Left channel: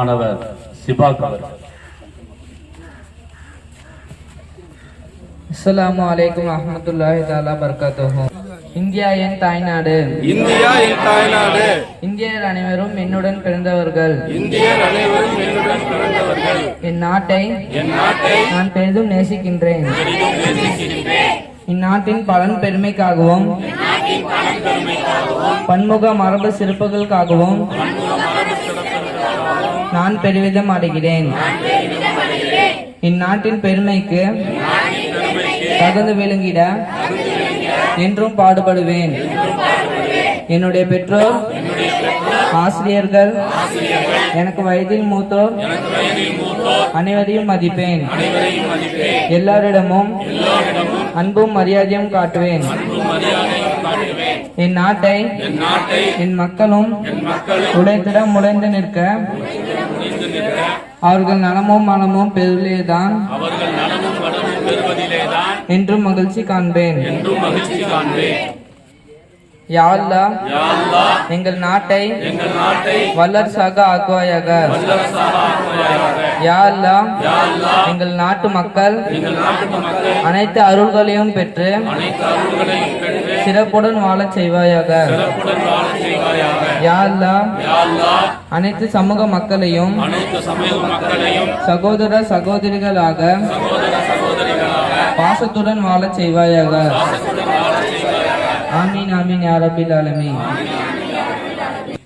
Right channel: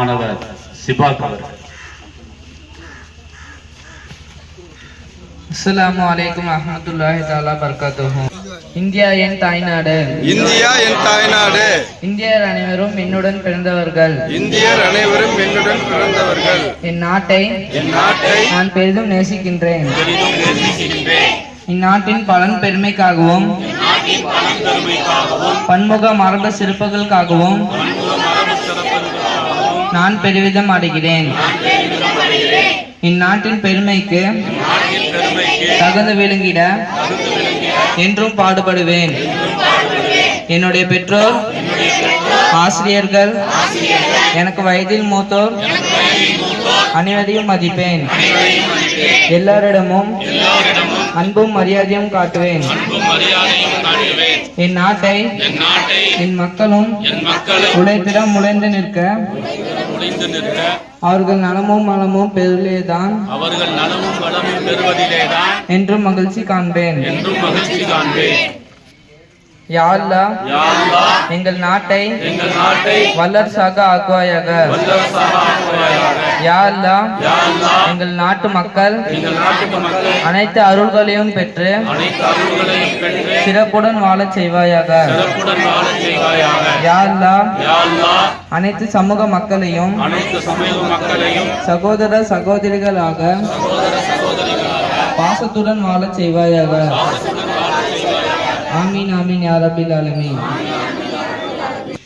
மாணவர் சிபாக் அவர்கள் அஸ்ஸலாமு அலைக்கும் வரஹ்மத்துல்லாஹி தஆலா பரகாத்துஹு. இந்தியா என் தாய்நாடு. இந்தியா என் தாய்நாடு. இந்தியர் அனைவரும் என்னுடன் பிறந்தவர்கள். இந்தியர் அனைவரும் என்னுடன் பிறந்தவர்கள். என் நாட்டை என் நாட்டை நான் பெரிதும் நேசிக்கின்றேன். இந்நாட்டின் பலன் பெருமைக்காகவும் பன்முக மரபு சிறப்புகளுக்காகவும் நான் பெருமிதம் அடைகிறேன் இந்நாட்டின் பெருமைக்கு தகுந்து விளங்கிட என்றும் பாடுபடுவேன். என்னுடைய பெற்றோர் ஆசிரியர்கள் எனக்கு வயதில் மூத்தோர் அனைவரையும் மதிப்பேன். எல்லாரிடமும் அன்பும் மரியாதையும் காட்டுவேன். என் நாட்டை என் மக்களும் உழைத்திடம் உழைந்து நிற்க அவர்கள் நலமும் மனமும் பெருளேதான் என்றும் மகிழ்ச்சி காண்பேன். யா அல்லாஹ், எங்கள் நாட்டை வல்லரசாக ஆக்குவாயாக. யா அல்லாஹ், எங்கள் நாட்டு மக்கள் அனைத்து அருள்களையும் பெற்று சிறப்புடன் வாழச் செய்வாயாக. அனைத்து சமூக மக்களையும் சகோதர சகோதரிகளாக பாசத்துடன் வாழச் செய்வாயாக. ஆமீன் ஆமீன் யா ரபில் ஆலமீன்.